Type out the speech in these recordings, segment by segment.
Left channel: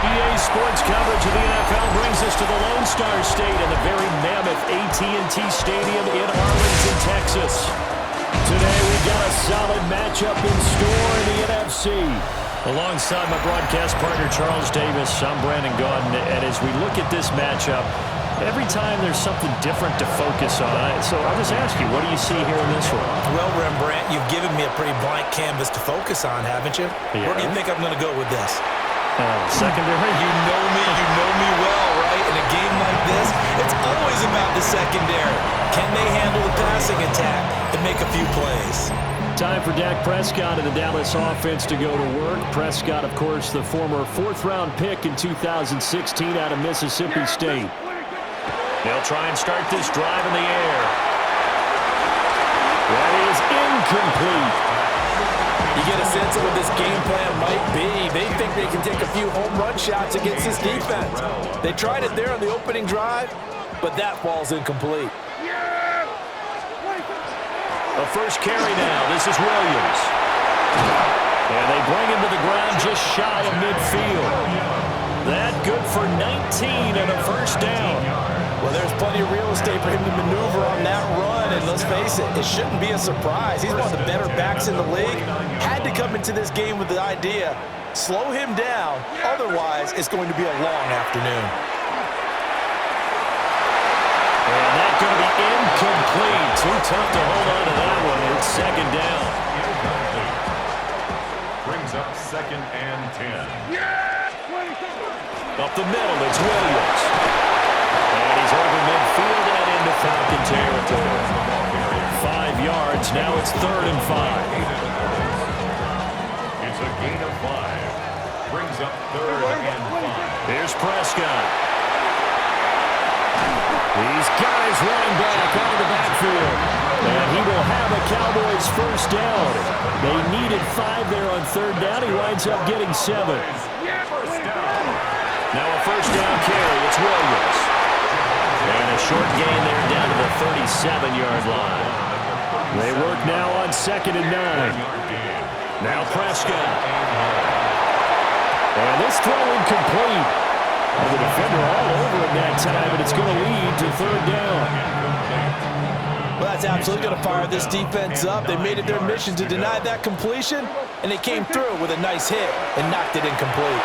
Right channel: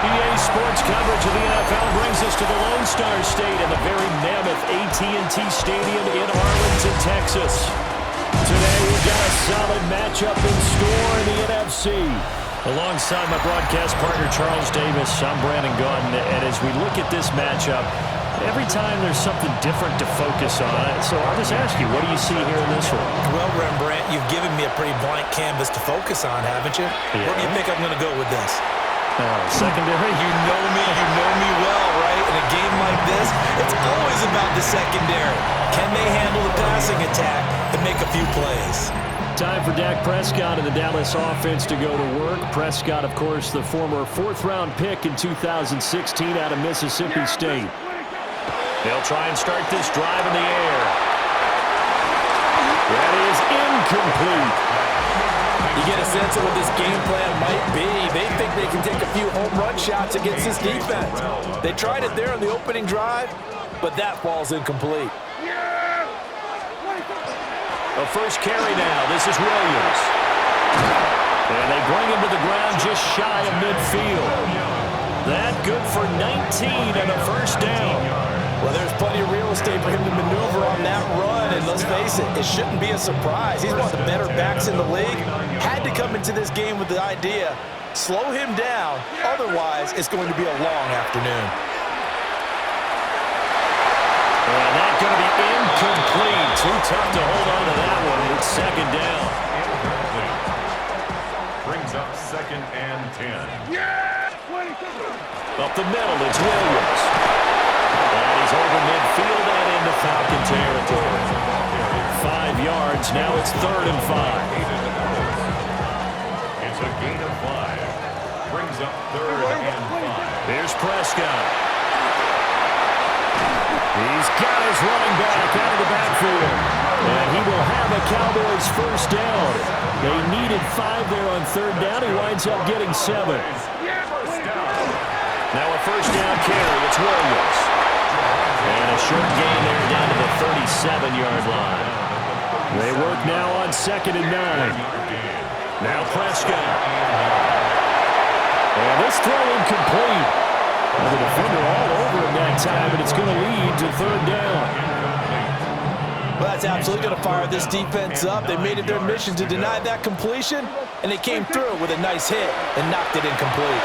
EA Sports coverage of the NFL brings us to the Lone Star State and the very mammoth AT&T Stadium in Arlington, Texas. Today we've got a solid matchup in store in the NFC. Alongside my broadcast partner Charles Davis, I'm Brandon Gaudin, and as we look at this matchup, every time there's something different to focus on. So I'll just ask you, what do you see here in this one? Well, Rembrandt, you've given me a pretty blank canvas to focus on, haven't you? Yeah. Where do you think I'm going to go with this? Secondary? You know me well, right? In a game like this, it's always about the secondary. Can they handle the passing attack and make a few plays? Time for Dak Prescott and the Dallas offense to go to work. Prescott, of course, the former fourth-round pick in 2016 out of Mississippi State. They'll try and start this drive in the air. That is incomplete. You get a sense of what this game plan might be. They think they can take a few home run shots against this defense. They tried it there on the opening drive, but that falls incomplete. A first carry now. This is Williams. And they bring him to the ground just shy of midfield. That good for 19 and a first down. Well, there's plenty of real estate for him to maneuver on that run, and let's face it, it shouldn't be a surprise. He's one of the better backs in the league. Had to come into this game with the idea, slow him down, otherwise it's going to be a long afternoon. And that's going to be incomplete. Too tough to hold on to that one. It's second down. Incomplete. Brings up 2nd and 10. Up the middle, it's Williams. And he's over midfield and into Falcon territory. 5 yards. Now it's 3rd and 5. It's a gain of 5. Brings up 3rd and 5. Here's Prescott. He's got his running back out of the backfield. And he will have a Cowboys first down. They needed 5 there on 3rd down. He winds up getting 7. First down. Now a first down carry. It's Williams. And a short gain there down to the 37-yard line. They work now on 2nd and 9. Now Prescott. And this throw incomplete. The defender all over him that time, and it's going to lead to 3rd down. Well, that's absolutely going to fire this defense up. They made it their mission to deny that completion, and they came through with a nice hit and knocked it incomplete.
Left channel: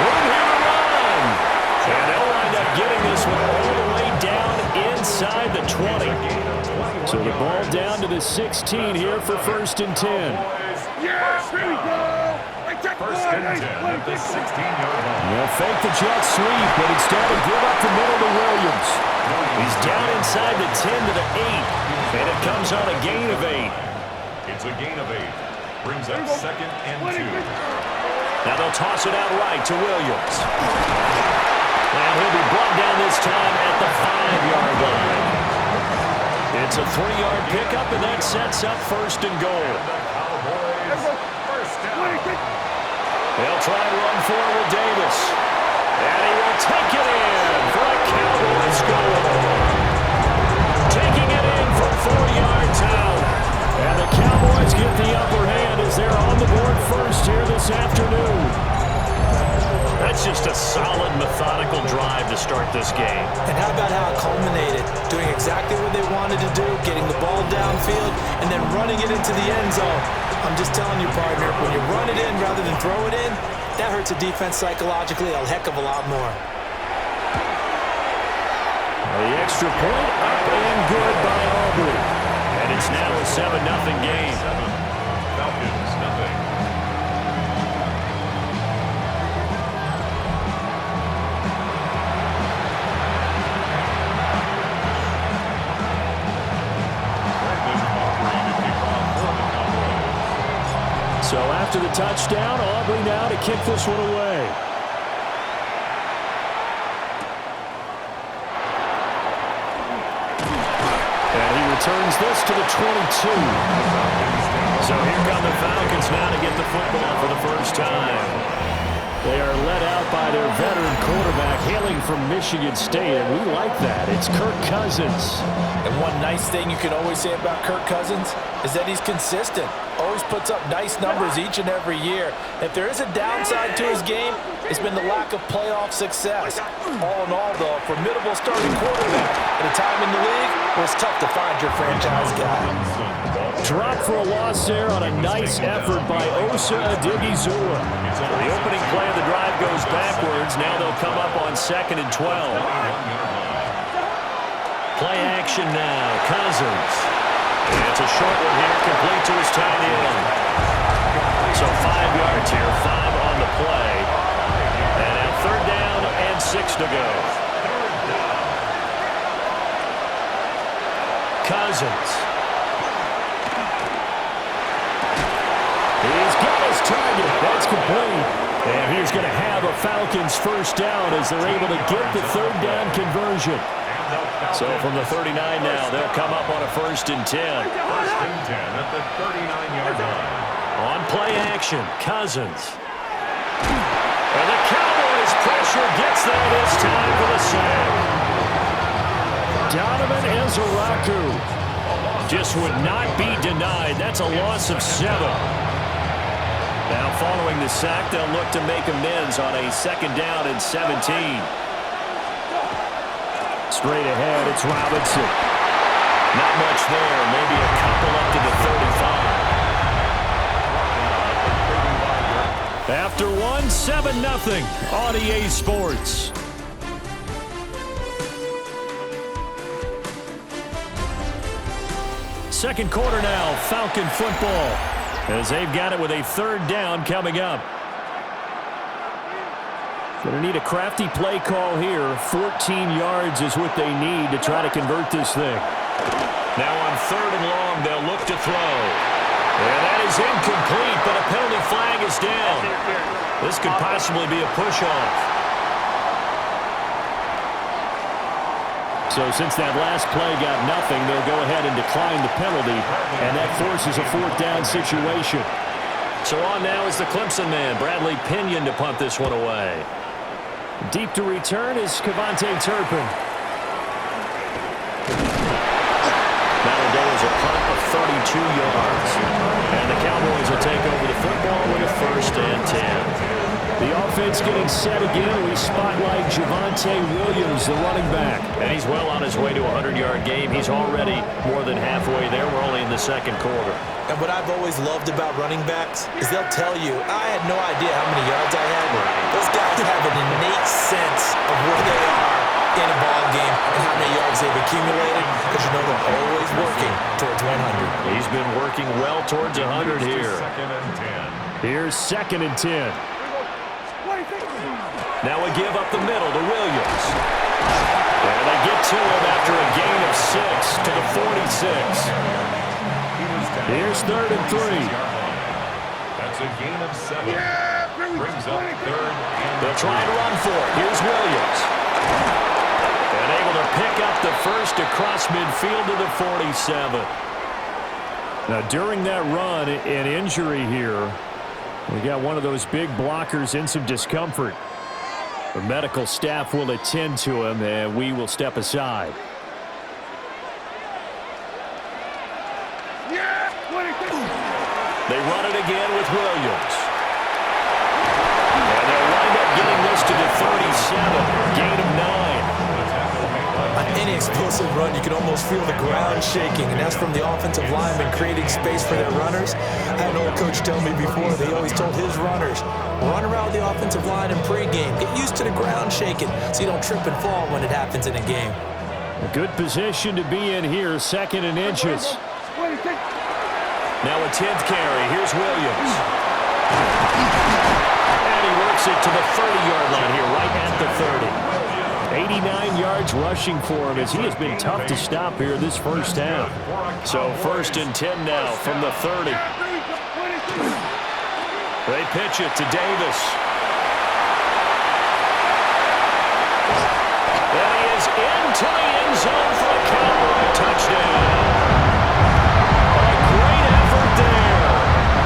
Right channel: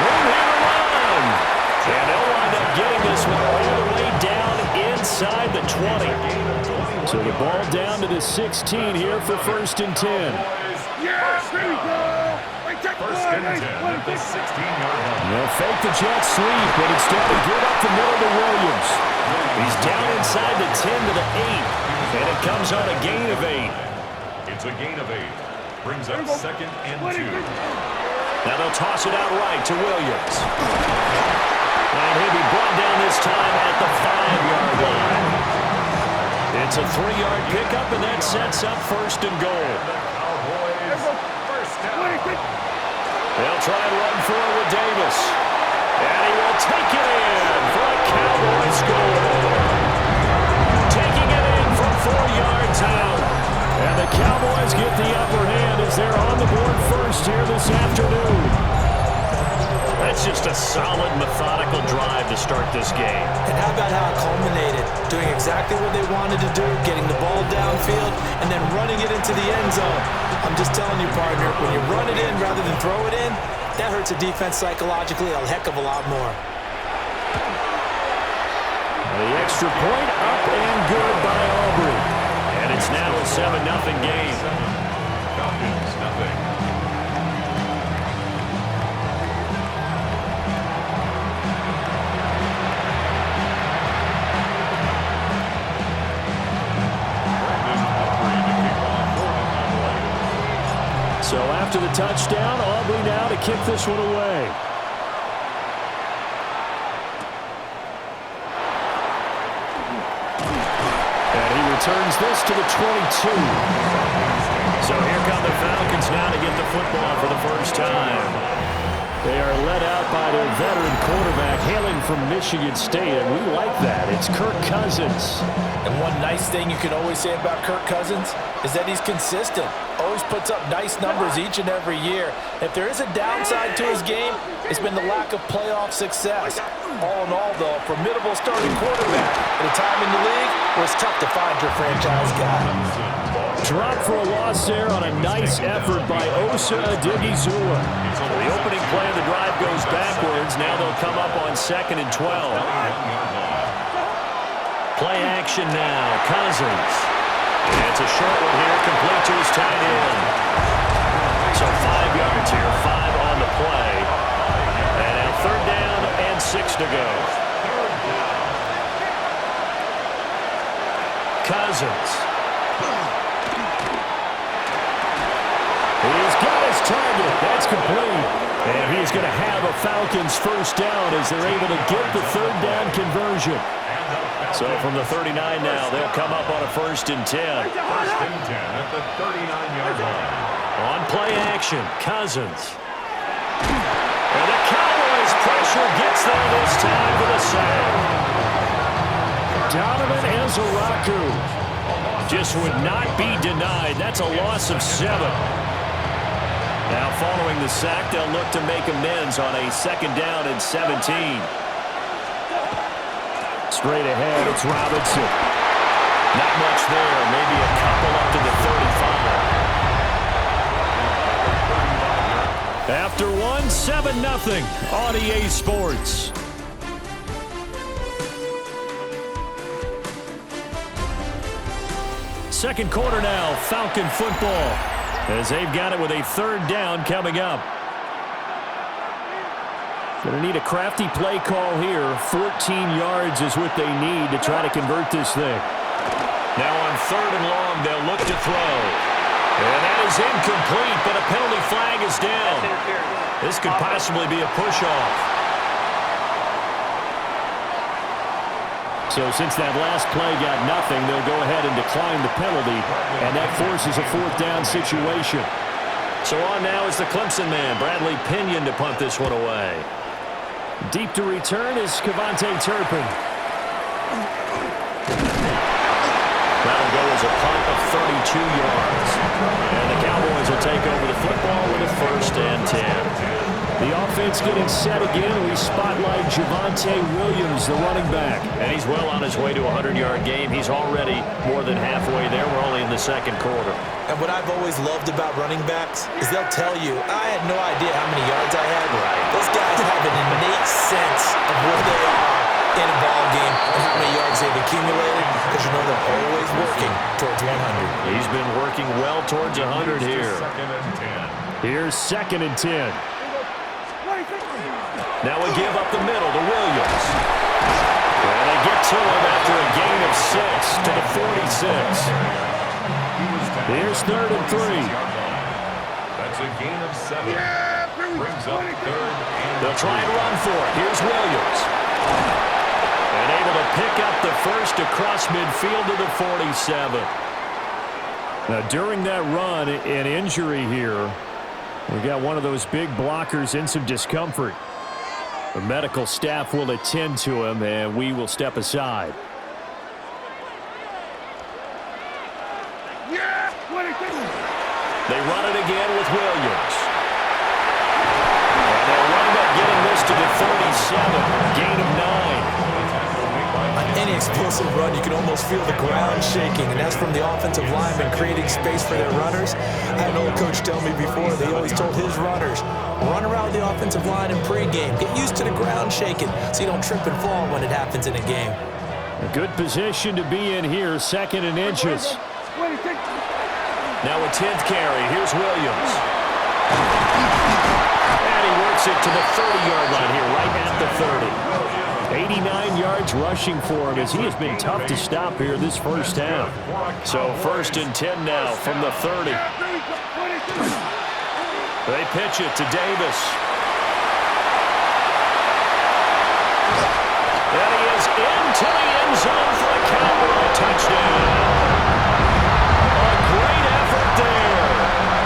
Room here to run. And they'll wind up getting this one all the way down inside the 20. So the ball down to the 16 here for 1st and 10. Yeah, here we go. First and 10 at the 16-yard line. They'll fake the jet sweep, but instead they give up the middle to Williams. He's down inside the 10 to the 8, and it comes on a gain of 8. It's a gain of 8. Brings up 2nd and 2. Now they'll toss it out right to Williams. And he'll be brought down this time at the 5-yard line. It's a 3-yard pickup, and that sets up 1st and goal. The Cowboys first down. They'll try and run for it with Davis. And he will take it in for a Cowboys goal. Taking it in from 4 yards out. And the Cowboys get the upper hand as they're on the board first here this afternoon. That's just a solid, methodical drive to start this game. And how about how it culminated? Doing exactly what they wanted to do, getting the ball downfield, and then running it into the end zone. I'm just telling you, partner, when you run it in rather than throw it in, that hurts a defense psychologically a heck of a lot more. The extra point up and good by Aubrey. And it's now a 7-0 game. 7. Falcons, nothing. So after the touchdown, Aubrey now to kick this one away. And he returns this to the 22. So here come the Falcons now to get the football for the first time. They are led out by their veteran quarterback hailing from Michigan State, and we like that. It's Kirk Cousins. And one nice thing you can always say about Kirk Cousins is that he's consistent. Always puts up nice numbers each and every year. If there is a downside to his game, it's been the lack of playoff success. All in all, though, a formidable starting quarterback at a time in the league where it's tough to find your franchise guy. Drop for a loss there on a nice effort by Osa Odighizuwa. So the opening play of the drive goes backwards. Now they'll come up on 2nd and 12. Play action now. Cousins. It's a short one here, complete to his tight end. So 5 yards here, 5 on the play. And now 3rd down and 6 to go. Cousins. He's got his target. That's complete. And he's going to have a Falcons first down as they're able to get the 3rd down conversion. So from the 39 now, they'll come up on a 1st and 10. 1st and 10 at the 39-yard line. On play action, Cousins. And the Cowboys pressure gets there this time for the sack. Donovan Ezeraku just would not be denied. That's a loss of 7. Now following the sack, they'll look to make amends on a 2nd down and 17. Straight ahead, it's Robinson. Not much there. Maybe a couple up to the 35. After one, 7-0 on EA Sports. Second quarter now, Falcon football, as they've got it with a 3rd down coming up. Going to need a crafty play call here. 14 yards is what they need to try to convert this thing. Now on 3rd and long, they'll look to throw. And that is incomplete, but a penalty flag is down. This could possibly be a push-off. So since that last play got nothing, they'll go ahead and decline the penalty, and that forces a 4th down situation. So on now is the Clemson man, Bradley Pinion, to punt this one away. Deep to return is Kevontae Turpin. That'll go as a punt of 32 yards. And the Cowboys will take over the football with a 1st and 10. The offense getting set again. We spotlight Javonte Williams, the running back. And he's well on his way to a 100-yard game. He's already more than halfway there. We're only in the 2nd quarter. And what I've always loved about running backs is they'll tell you, I had no idea how many yards I had. Right. Those guys have an innate sense of where they are in a ball game and how many yards they've accumulated, because you know they're always working towards 100. He's been working well towards 100 here. 2nd and 10. Here's 2nd and 10. Now we give up the middle to Williams. And they get to him after a gain of 6 to the 46. Here's 3rd and 3. That's a gain of 7. Brings up 3rd and They'll try and run for it. Here's Williams. And able to pick up the 1st across midfield to the 47. Now during that run, an injury here. We got one of those big blockers in some discomfort. The medical staff will attend to him, and we will step aside. They run it again with Williams. And they'll wind up getting this to the 37. Gain of 9. On any explosive run, you can almost feel the ground shaking, and that's from the offensive linemen creating space for their runners. I had an old coach tell me before, they always told his runners, run around the offensive line in pregame. Get used to the ground shaking so you don't trip and fall when it happens in a game. A good position to be in here, 2nd and inches. Now a 10th carry. Here's Williams. And he works it to the 30-yard line here, right at the 30. 89 yards rushing for him as he has been tough to stop here this first half. So 1st and 10 now from the 30. They pitch it to Davis. And he is into the end zone for a Cowboy touchdown. A great effort there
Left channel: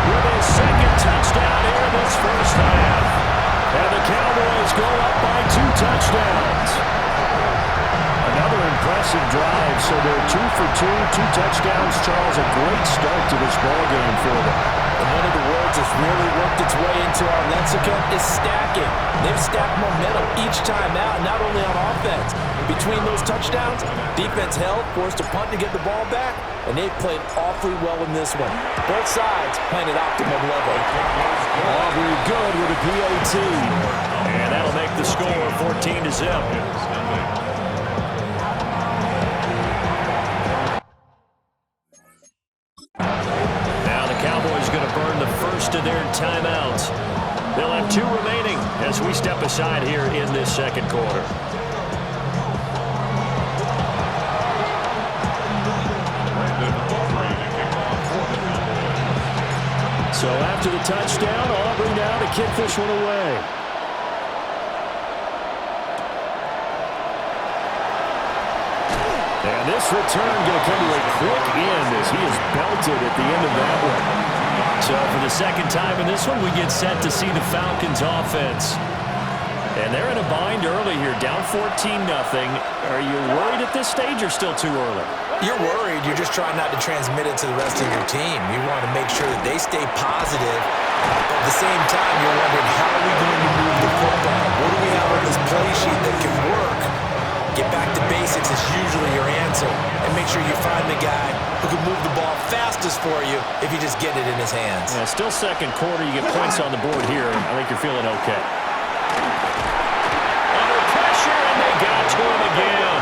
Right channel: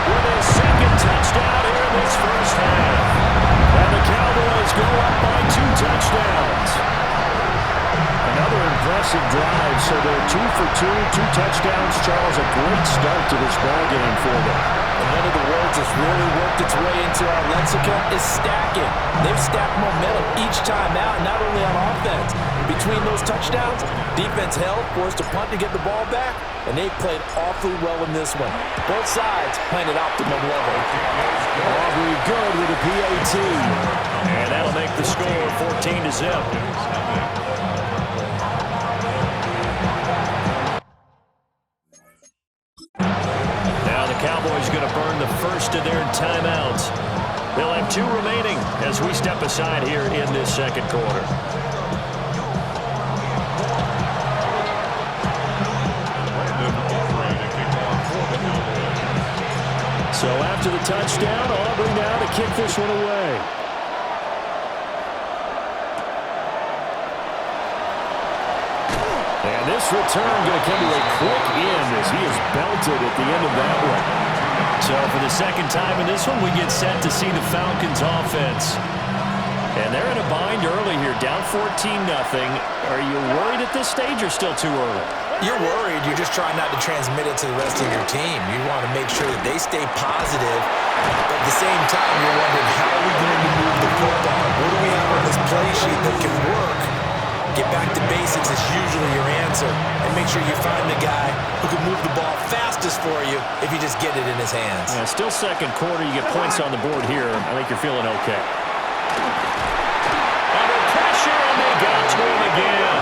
with his 2nd touchdown here in this first half. And Cowboys go up by 2 touchdowns. Another impressive drive, so they're 2 for 2, 2 touchdowns. Charles, a great start to this ball game for them. And one of the words that's really worked its way into our lexicon is stacking. They've stacked momentum each time out, not only on offense. Between those touchdowns, defense held, forced a punt to get the ball back, and they played awfully well in this one. Both sides playing at optimum level. Aubrey good with a PAT. And that'll make the score 14-0. Cowboys going to burn the first of their timeouts. They'll have 2 remaining as we step aside here in this second quarter. So after the touchdown, Aubrey now to kick this one away. And this return going to come to a quick end as he is belted at the end of that one. So for the second time in this one, we get set to see the Falcons offense. And they're in a bind early here, down 14-0. Are you worried at this stage or still too early? You're worried. You're just trying not to transmit it to the rest of your team. You want to make sure that they stay positive. But at the same time, you're wondering, how are we going to move the football? What do we have on this play sheet that can work? Get back to basics is usually your answer. And make sure you find the guy who can move the ball fastest for you if you just get it in his hands. Yeah, still second quarter. You get points on the board here. I think you're feeling okay. Under pressure, and they got to him again.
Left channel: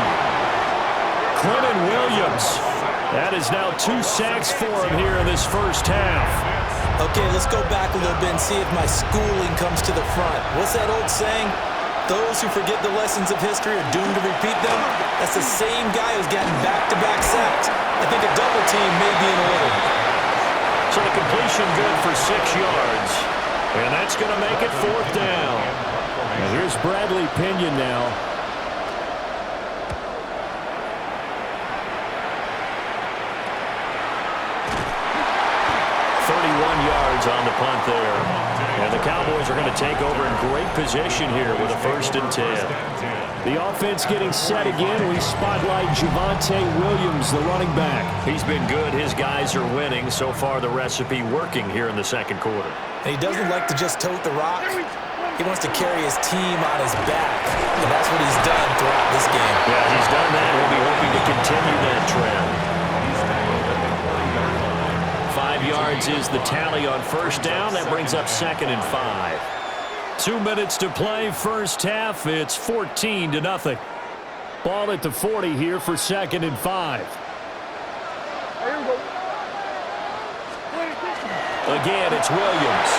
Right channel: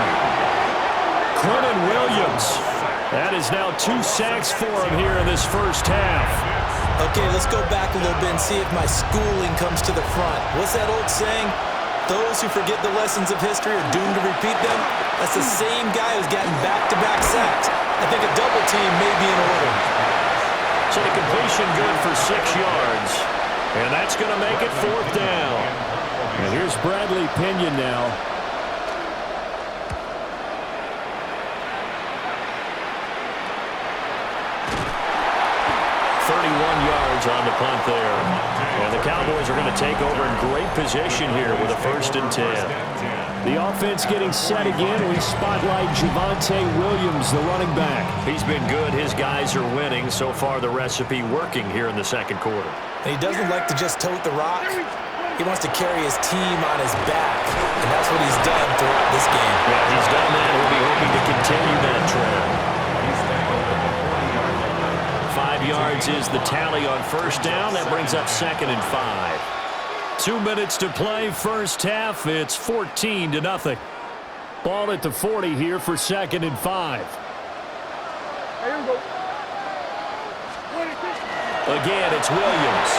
Clinton Williams. That is now 2 sacks for him here in this first half. Okay, let's go back a little bit and see if my schooling comes to the front. What's that old saying? Those who forget the lessons of history are doomed to repeat them. That's the same guy who's gotten back-to-back sacks. I think a double team may be in order. So the completion good for 6 yards. And that's going to make it 4th down. And here's Bradley Pinion now. Yards on the punt there. And the Cowboys are going to take over in great position here with a 1st and 10. The offense getting set again. We spotlight Javonte Williams, the running back. He's been good. His guys are winning. So far, the recipe working here in the second quarter. And he doesn't like to just tote the rock. He wants to carry his team on his back. And that's what he's done throughout this game. Yeah, he's done that. He'll be hoping to continue that trend. 5 yards is the tally on 1st down. That brings up 2nd and 5. 2 minutes to play, first half. It's 14-0. Ball at the 40 here for 2nd and 5. Here we go. Again, it's Williams.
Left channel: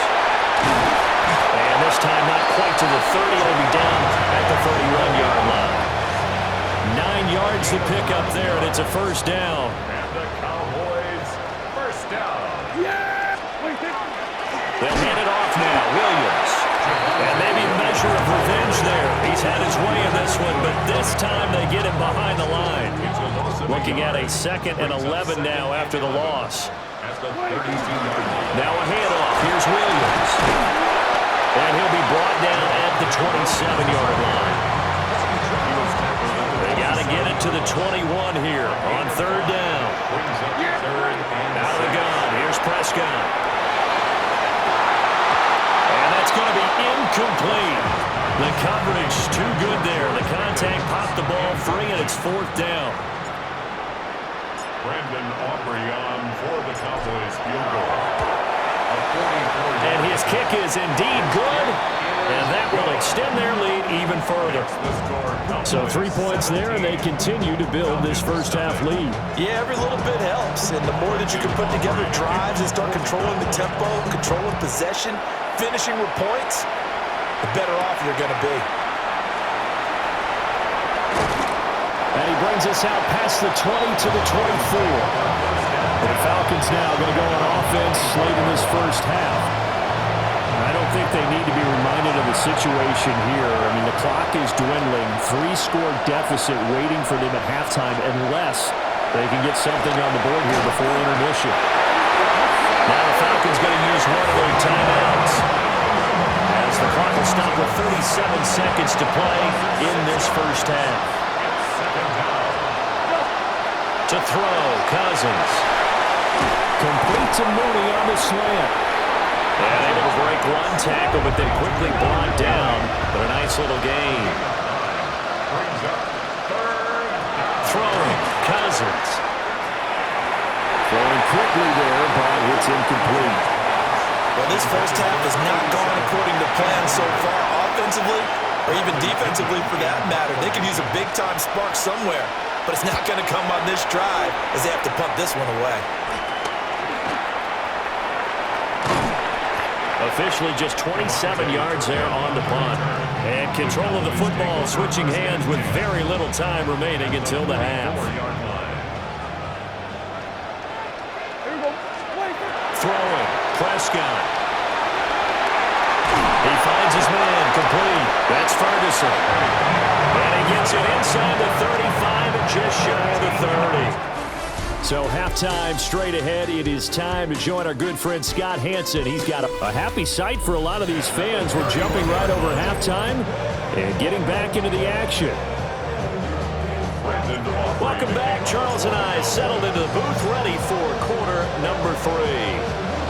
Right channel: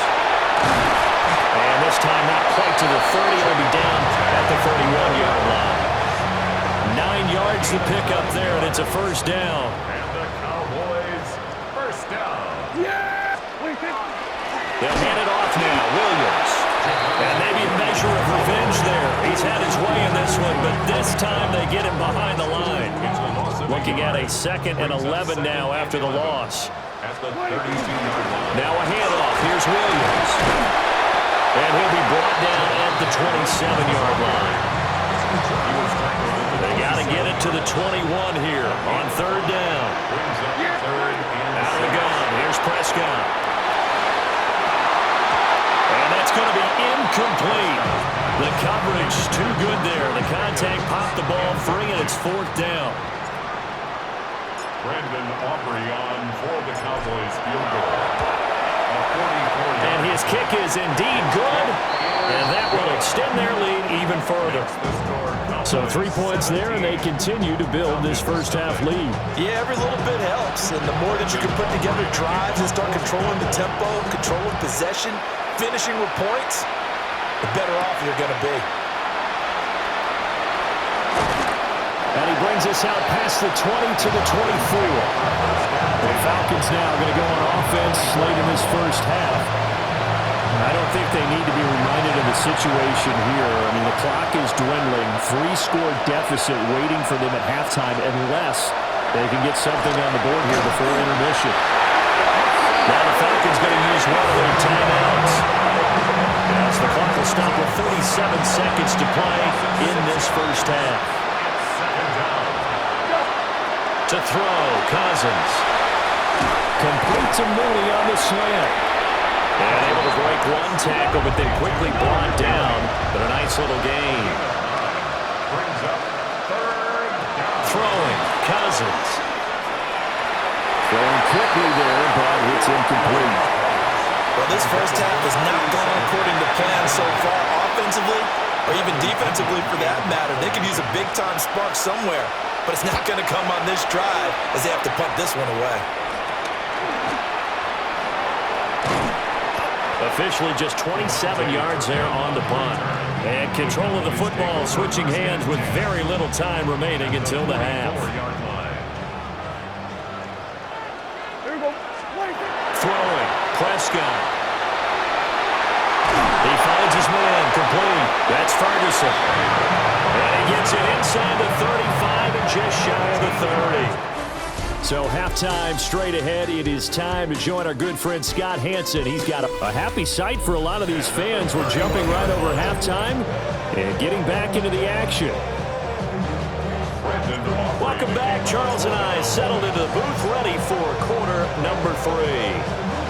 And this time not quite to the 30. It'll be down at the 31-yard line. 9 yards to pick up there, and it's a 1st down. And the Cowboys, 1st down. Yeah! They'll hand it off now, Williams. And maybe a measure of revenge there. He's had his way in this one, but this time they get him behind the line. Looking at a 2nd and 11 now after the loss. Now a handoff. Here's Williams. And he'll be brought down at the 27-yard line. They got to get it to the 21 here on 3rd down. Out of the gun. Here's Prescott. And that's going to be incomplete. The coverage too good there. The contact popped the ball free, and it's 4th down. Brandon Aubrey on for the Cowboys field goal. And his kick is indeed good, and that will extend their lead even further. So 3 points there, and they continue to build this first half lead. Yeah, every little bit helps, and the more that you can put together drives and start controlling the tempo, controlling possession, finishing with points, the better off you're going to be. And he brings us out past the 20 to the 24. The Falcons now going to go on offense late in this first half. And I don't think they need to be reminded of the situation here. I mean, the clock is dwindling. 3-score deficit waiting for them at halftime unless they can get something on the board here before intermission. Now the Falcons going to use one of their timeouts as as the clock will stop with 37 seconds to play in this first half. To throw, Cousins. Complete to Mooney on the slant. And able to break one tackle, but then quickly brought down. But a nice little gain. Throwing, Cousins. Throwing quickly there, but it's incomplete. Well, this first half has not gone according to plan so far offensively or even defensively for that matter. They could use a big-time spark somewhere, but it's not going to come on this drive as they have to punt this one away. Officially just 27 yards there on the punt. And control of the football switching hands with very little time remaining until the half. Throwing, Prescott. He finds his man, complete. That's Ferguson. And he gets it inside the 35 and just shy of the 30. So halftime straight ahead. It is time to join our good friend Scott Hanson. He's got a happy sight for a lot of these fans. We're jumping right over halftime and getting back into the action. Welcome back. Charles and I settled into the booth ready for quarter number 3.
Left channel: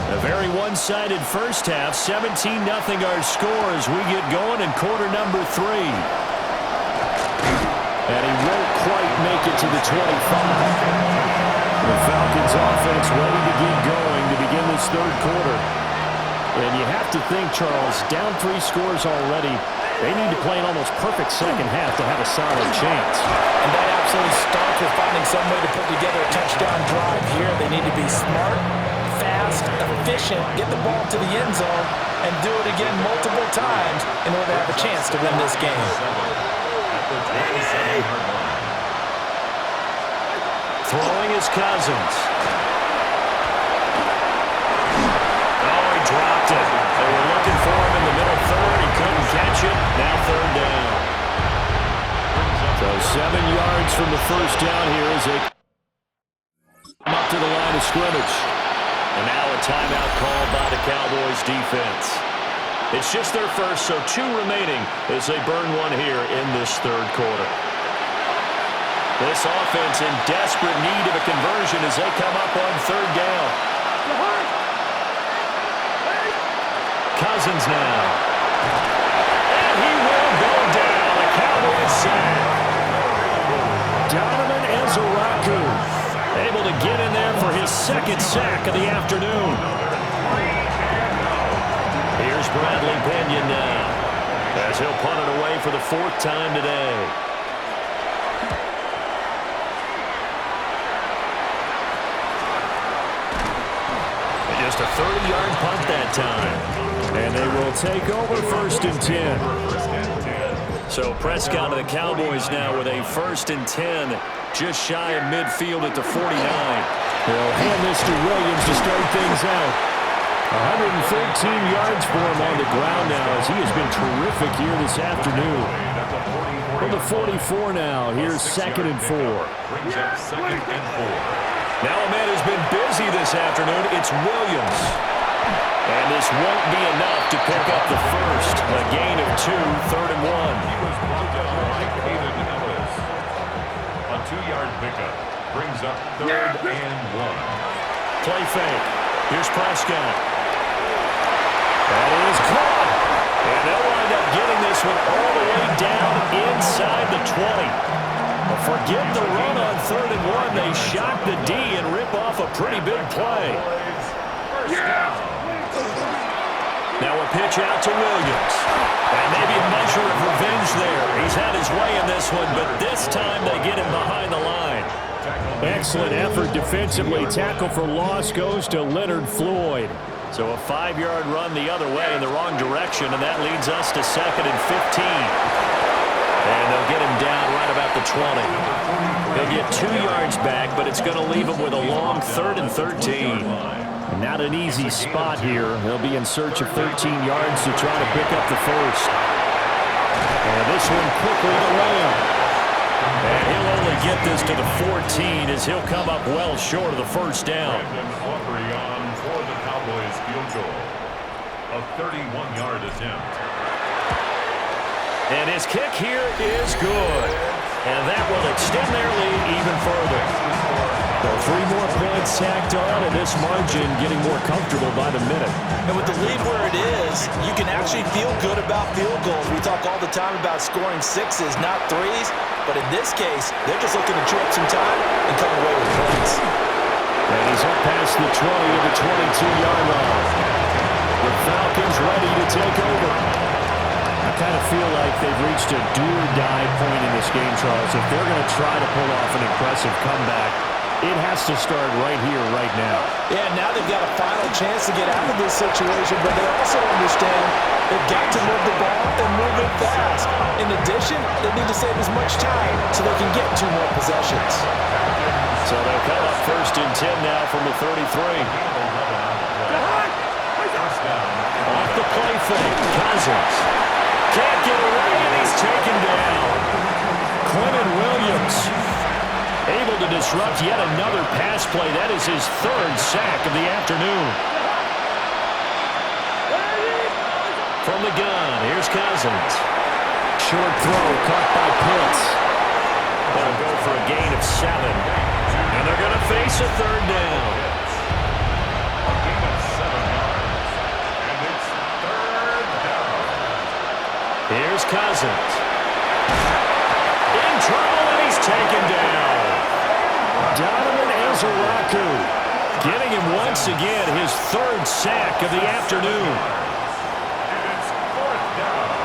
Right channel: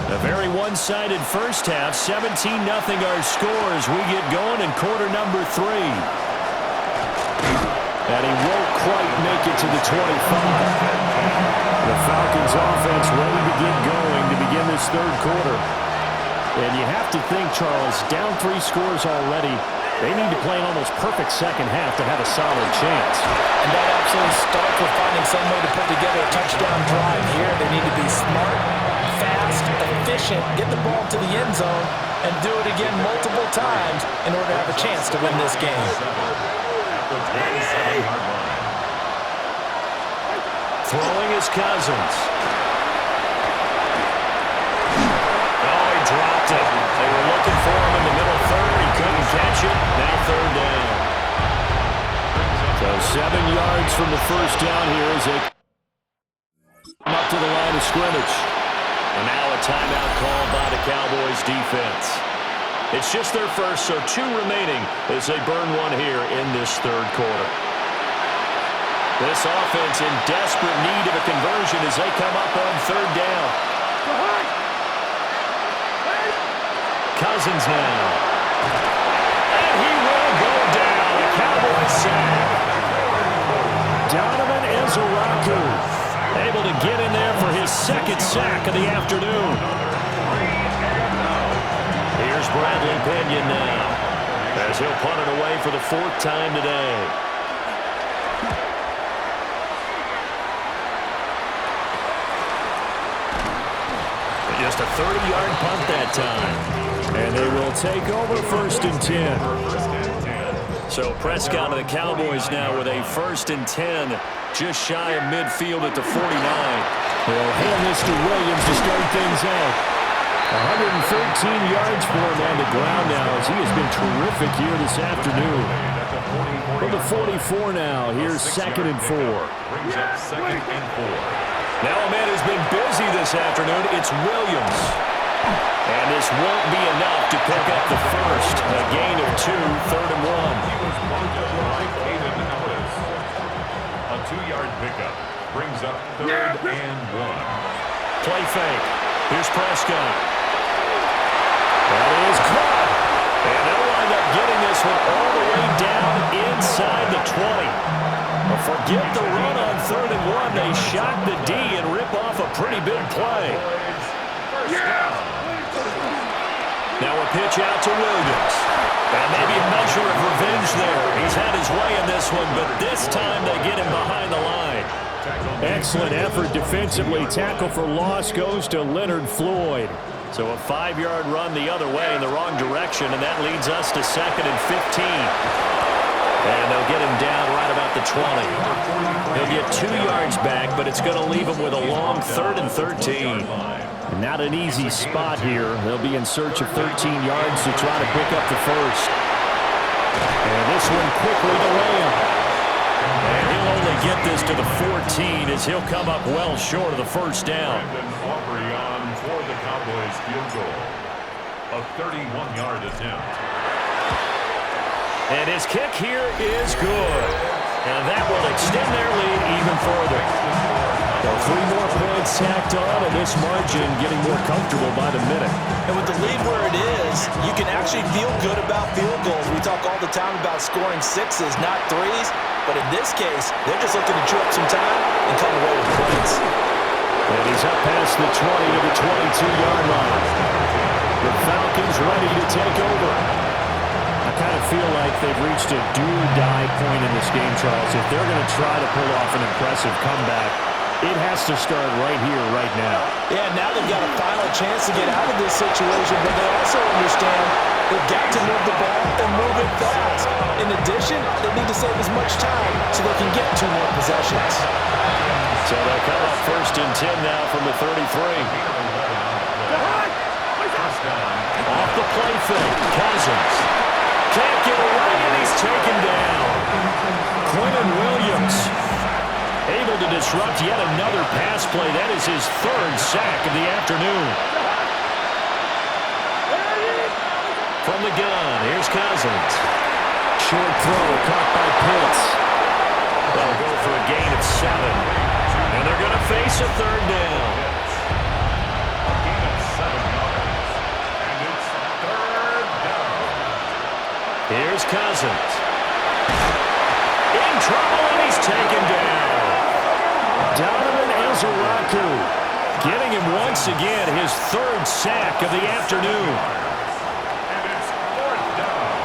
A very one-sided first half. 17-0 our score as we get going in quarter number 3. And he won't quite make it to the 25. The Falcons offense ready to get going to begin this third quarter. And you have to think, Charles, down 3 scores already. They need to play an almost perfect second half to have a solid chance. And that absolutely starts with finding some way to put together a touchdown drive here. They need to be smart, fast, efficient, get the ball to the end zone, and do it again multiple times in order to have a chance to win this game. Throwing is Cousins. Oh, he dropped it. They were looking for him in the middle third. He couldn't catch it. Now third down. So 7 yards from the first down here as they come up to the line of scrimmage. And now a timeout called by the Cowboys defense. It's just their first, so 2 remaining as they burn one here in this third quarter. This offense in desperate need of a conversion as they come up on third down. Cousins now. And he will go down. A Cowboys sack. Donovan Ezeraku able to get in there for his second sack of the afternoon. Here's Bradley Pinion now as he'll punt it away for the 4th time today. Just a 30-yard punt that time. And they will take over 1st and 10. So Prescott of the Cowboys now with a 1st and 10, just shy of midfield at the 49. They'll hand this to Williams to start things out. 113 yards for him on the ground now as he has been terrific here this afternoon. From the 44 now, here's 2nd and 4. Brings up 2nd and 4. Now a man who's been busy this afternoon, it's Williams. And this won't be enough to pick up the first. A gain of 2, 3rd and 1. He was blocked up by Caden Ellis. A 2-yard pickup brings up 3rd and 1. Play fake. Here's Prescott. That is caught. And they'll wind up getting this one all the way down inside the 20. But forget the run on 3rd and 1. They shock the D and rip off a pretty big play. Now a pitch out to Williams. And maybe a measure of revenge there. He's had his way in this one, but this time they get him behind the line. Excellent effort defensively. Tackle for loss goes to Leonard Floyd. So a 5-yard run the other way in the wrong direction, and that leads us to 2nd and 15. And they'll get him down right about the 20. He'll get 2 yards back, but it's going to leave him with a long 3rd and 13. Not an easy spot here. They'll be in search of 13 yards to try to pick up the first. And this one quickly to Lamb. And he'll only get this to the 14 as he'll come up well short of the first down. Brandon Aubrey on for the Cowboys field goal. A A 31-yard attempt. And his kick here is good. And that will extend their lead even further. So 3 more points tacked on, and this margin getting more comfortable by the minute. And with the lead where it is, you can actually feel good about field goals. We talk all the time about scoring 6s, not 3s. But in this case, they're just looking to chew up some time and come away with points. And he's up past the 20 to the 22-yard line. The Falcons ready to take over. I kind of feel like they've reached a do-or-die point in this game, Charles. If they're going to try to pull off an impressive comeback, it has to start right here, right now. Yeah, now they've got a final chance to get out of this situation, but they also understand they've got to move the ball and move it fast. In addition, they need to save as much time so they can get 2 more possessions. So they'll come up 1st and 10 now from the 33. Off the play fake, Cousins. Can't get away, and he's taken down. Quentin Williams able to disrupt yet another pass play. That is his 3rd sack of the afternoon. From the gun, here's Cousins. Short throw caught by Pitts. They'll go for a gain of 7. And they're going to face a 3rd down. A gain of 7 yards. And it's 3rd down. Here's Cousins. In trouble, and he's taken down. Donovan Ezeraku getting him once again his 3rd sack of the afternoon. And it's 4th down.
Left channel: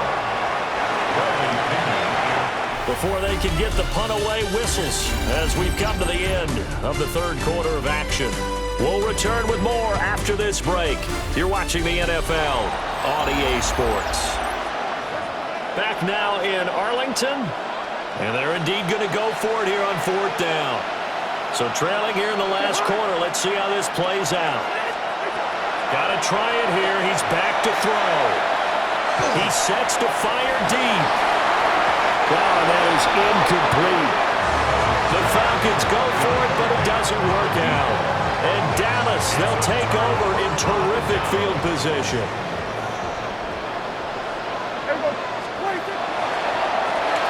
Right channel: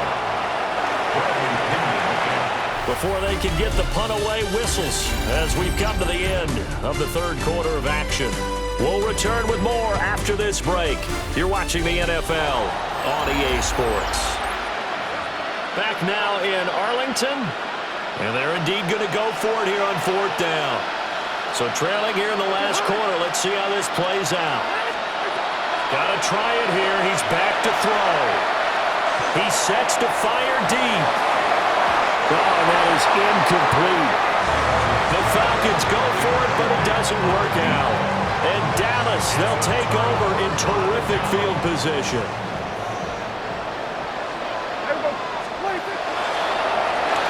Bradley Pinion. Before they can get the punt away, whistles as we've come to the end of the 3rd quarter of action. We'll return with more after this break. You're watching the NFL on EA Sports. Back now in Arlington, and they're indeed going to go for it here on 4th down. So trailing here in the last quarter, let's see how this plays out. Got to try it here. He's back to throw. He sets to fire deep. Oh, that is incomplete. The Falcons go for it, but it doesn't work out. And Dallas, they'll take over in terrific field position.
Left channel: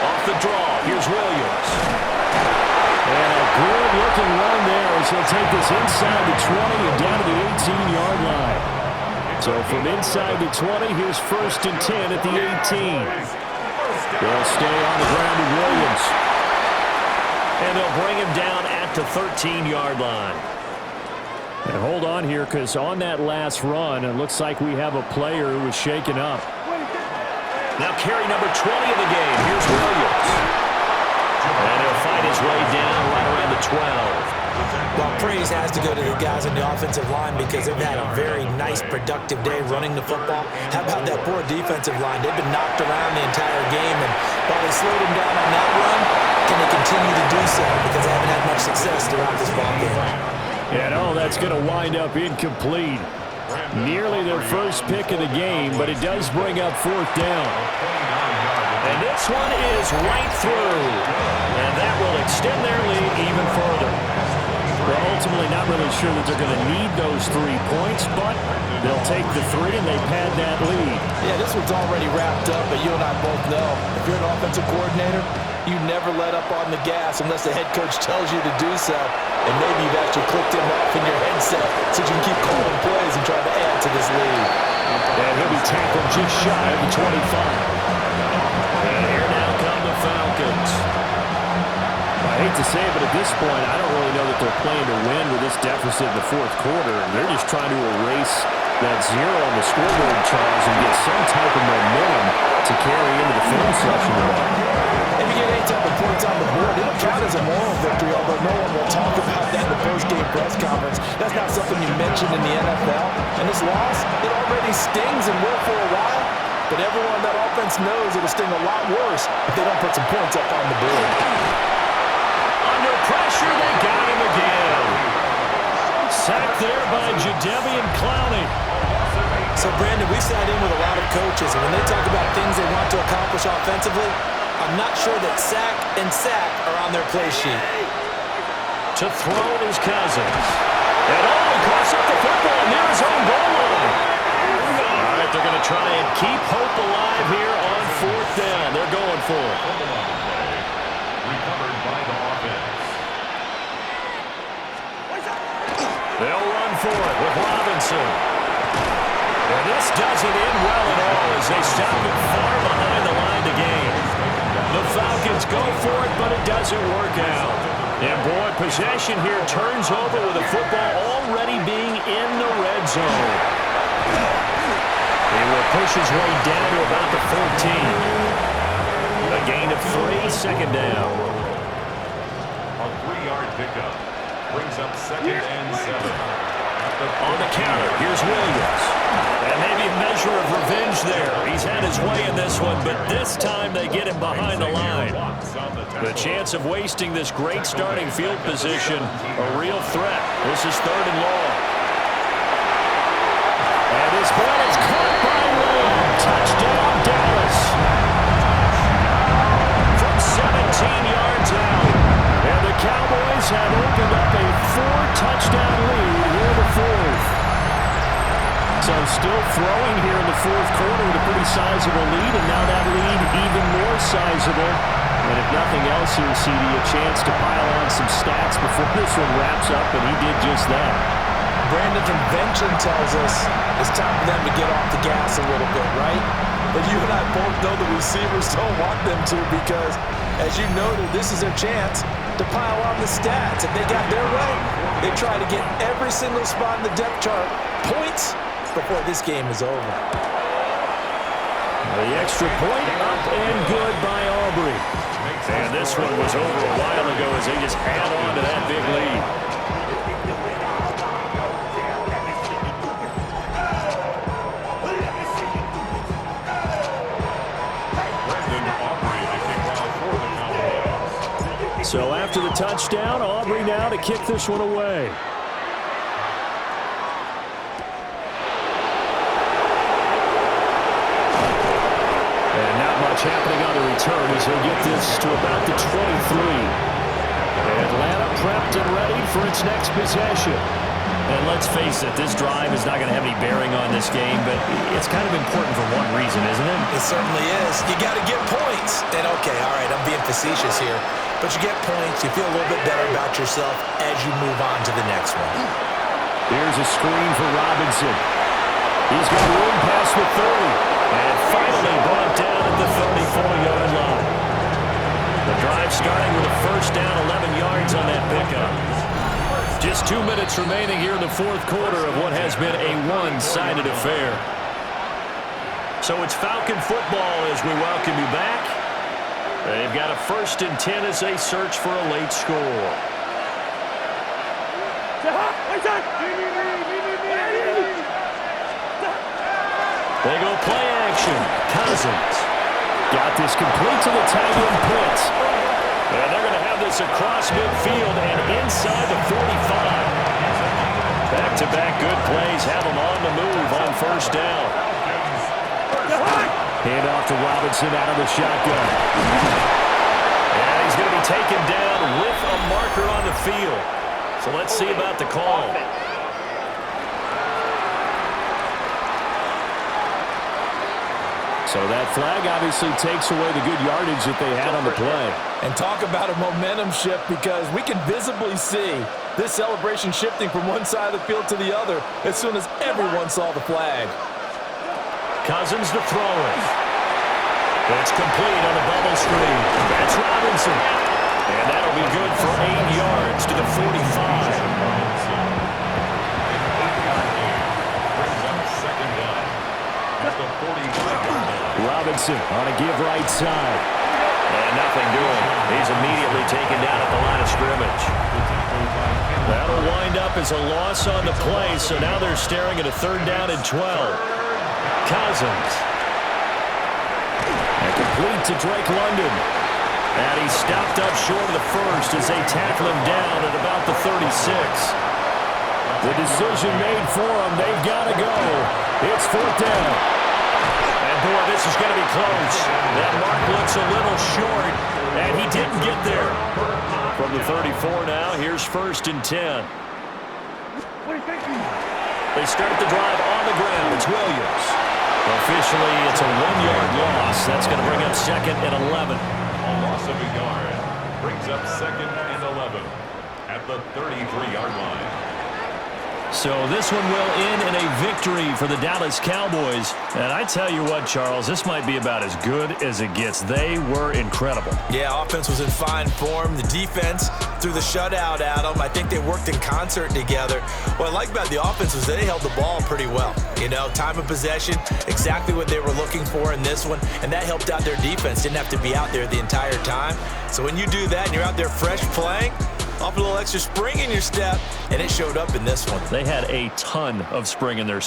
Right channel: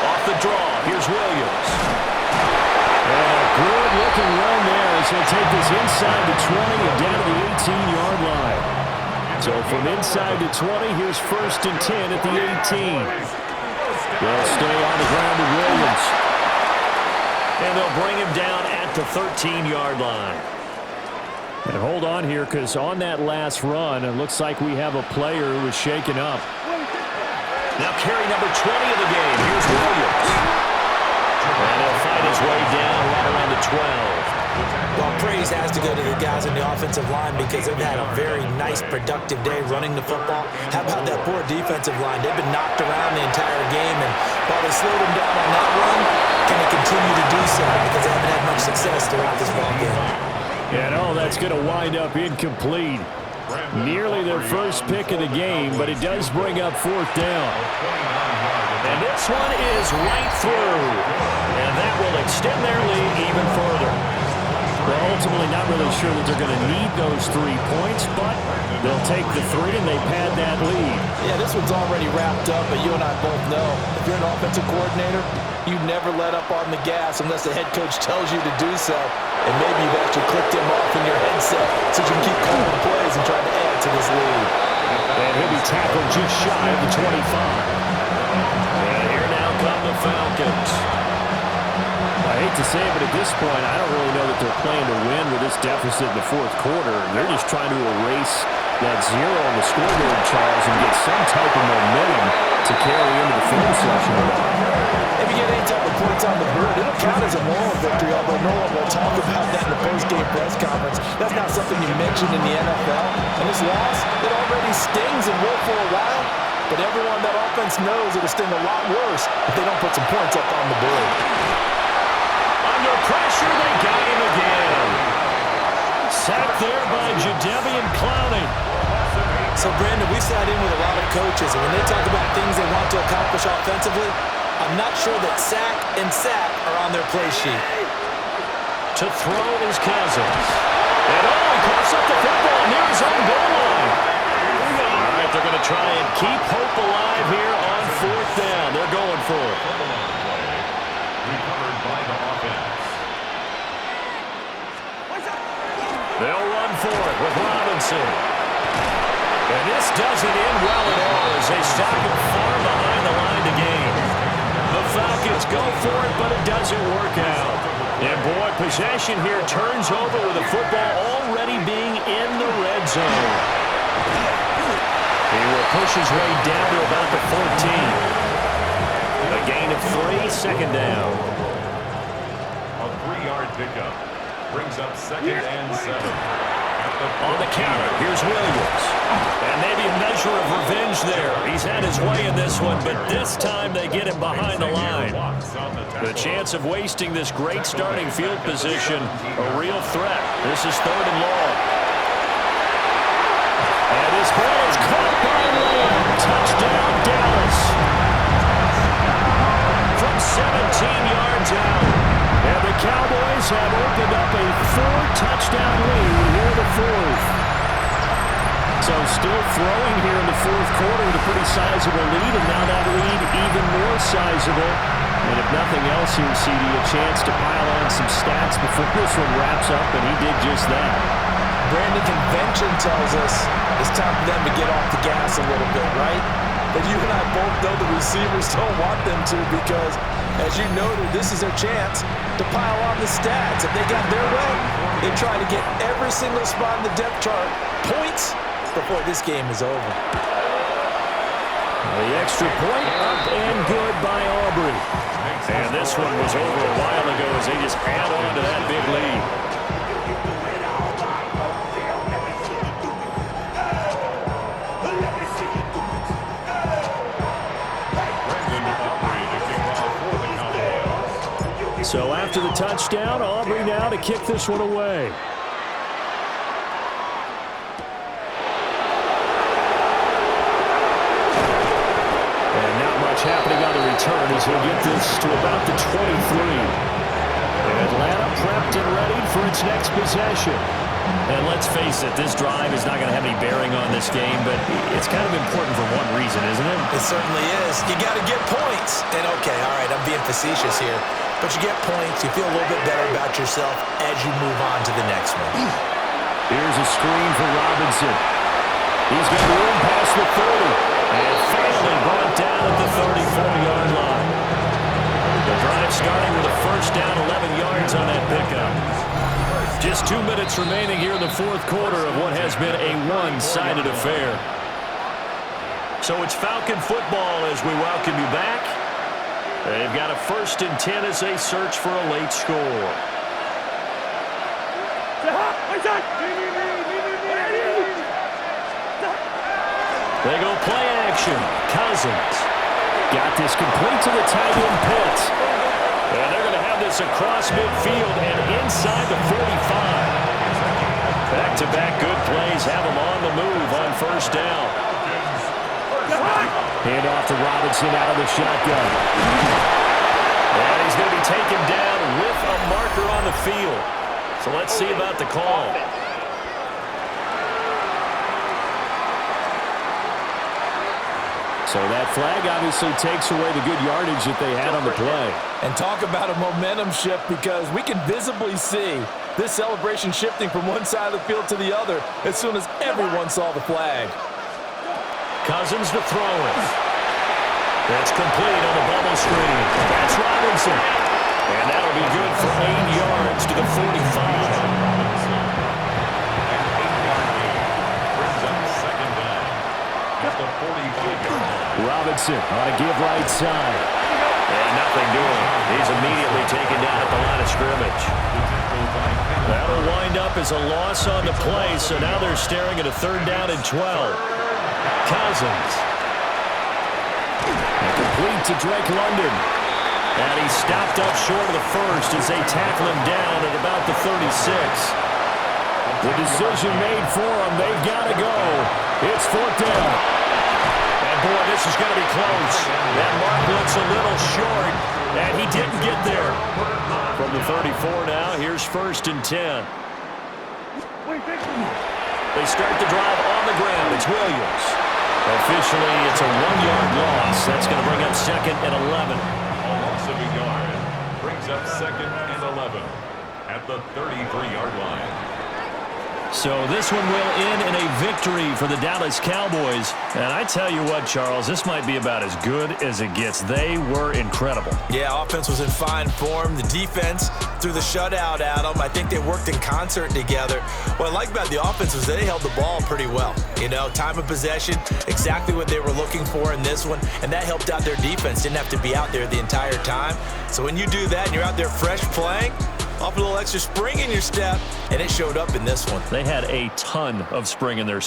Off the draw, here's Williams. And a good-looking run there as he'll take this inside the 20 and down to the 18-yard line. So from inside the 20, here's 1st and 10 at the 18. They'll stay on the ground with Williams. And they'll bring him down at the 13-yard line. And hold on here, because on that last run, it looks like we have a player who was shaken up. Now carry number 20 of the game. Here's Williams. And he'll fight his way down right around the 12. Well, praise has to go to the guys on the offensive line because they've had a very nice, productive day running the football. How about that poor defensive line? They've been knocked around the entire game, and while they slowed them down on that run, can they continue to do so because they haven't had much success throughout this ball game? And that's going to wind up incomplete. Nearly their first pick of the game, but it does bring up 4th down. And this one is right through. And that will extend their lead even further. Well, ultimately not really sure that they're going to need those 3 points, but they'll take the 3 and they pad that lead. Yeah, this one's already wrapped up, but you and I both know if you're an offensive coordinator, you never let up on the gas unless the head coach tells you to do so. And maybe you've actually clicked him off in your headset so you can keep calling plays and trying to add to this lead. And he'll be tackled just shy of the 25. And here now come the Falcons. I hate to say it, but at this point, I don't really know that they're playing to win with this deficit in the 4th quarter. They're just trying to erase that 0 on the scoreboard, Charles, and get some type of momentum to carry into the film session tomorrow. If you get any type of points on the board, it'll count as a moral victory, although no one will talk about that in the post-game press conference. That's not something you mentioned in the NFL. And this loss, it already stings and will for a while, but everyone on that offense knows it'll sting a lot worse if they don't put some points up on the board. Under pressure, they got him again. Sacked there by Jadeveon Clowney. So, Brandon, we sat in with a lot of coaches, and when they talk about things they want to accomplish offensively, I'm not sure that sack and sack are on their play sheet. To throw is Cousins. And he coughs up the football near his own goal line. All right, But they're going to try and keep hope alive here on fourth down. They're going for it. Fumble on the play. Recovered by the offense. They'll run for it with Robinson. And this doesn't end well at all as they stop it far behind the line to gain. The Falcons go for it, but it doesn't work out. And boy, possession here turns over with the football already being in the red zone. He will push his way down to about the 14. A gain of 3, second down. A 3-yard pickup brings up second and 7. On the counter, here's Williams. And maybe a measure of revenge there. He's had his way in this one, but this time they get him behind the line. The chance of wasting this great starting field position, a real threat. This is third and long. And this ball is caught by Lamb. Touchdown, Dallas. From 17 yards out. And the Cowboys have opened up a 4-touchdown lead here in the fourth. So still throwing here in the fourth quarter with a pretty sizable lead, and now that lead even more sizable. And if nothing else here, CD, a chance to pile on some stats before this one wraps up, and he did just that. Brandon, convention tells us it's time for them to get off the gas a little bit, right? But you and I both know the receivers don't want them to because, as you noted, this is their chance to pile on the stats. If they got their way, they try to get every single spot in the depth chart points before this game is over. The extra point up and good by Aubrey. And this one was over a while ago as they just add on to that big lead. So after the touchdown, Aubrey now to kick this one away. And not much happening on the return as he'll get this to about the 23. Atlanta prepped and ready for its next possession. And let's face it, this drive is not going to have any bearing on this game, but it's kind of important for one reason, isn't it? It certainly is. You got to get points. And okay, all right, I'm being facetious here. But you get points, you feel a little bit better about yourself as you move on to the next one. Here's a screen for Robinson. He's got room past the 30. And finally brought down at the 34-yard line. The drive starting with a first down, 11 yards on that pickup. Just 2 minutes remaining here in the fourth quarter of what has been a one-sided affair. So it's Falcon football as we welcome you back. They've got a 1st and 10 as they search for a late score. They go play action. Cousins got this complete to the tight end Pitts. And they're going to have this across midfield and inside the 45. Back-to-back good plays have them on the move on first down. Hand off to Robinson out of the shotgun. And he's going to be taken down with a marker on the field. So let's see about the call. So that flag obviously takes away the good yardage that they had on the play. And talk about a momentum shift because we can visibly see this celebration shifting from one side of the field to the other as soon as everyone saw the flag. Cousins to throw it. That's complete on the bubble screen. That's Robinson. And that'll be good for 8 yards to the 45. An 8-yard gain brings up second down at the 45-yard line. Robinson on a give right side. And nothing doing. He's immediately taken down at the line of scrimmage. That'll wind up as a loss on the play, so now they're staring at a 3rd down and 12. Cousins. And complete to Drake London. And he's stopped up short of the first as they tackle him down at about the 36. The decision made for them. They've got to go. It's 4th down. And boy, this is going to be close. That mark looks a little short, and he didn't get there. From the 34 now, here's 1st and 10. They start the drive on the ground. It's Williams. Officially, it's a 1-yard loss. That's going to bring up 2nd and 11. A loss of a yard brings up 2nd and 11 at the 33-yard line. So this one will end in a victory for the Dallas Cowboys. And I tell you what, Charles, this might be about as good as it gets. They were incredible. Yeah, offense was in fine form. The defense threw the shutout at them. I think they worked in concert together. What I like about the offense was they held the ball pretty well. You know, time of possession, exactly what they were looking for in this one, and that helped out their defense. Didn't have to be out there the entire time. So when you do that and you're out there fresh playing, off a little extra spring in your step, and it showed up in this one. They had a ton of spring in their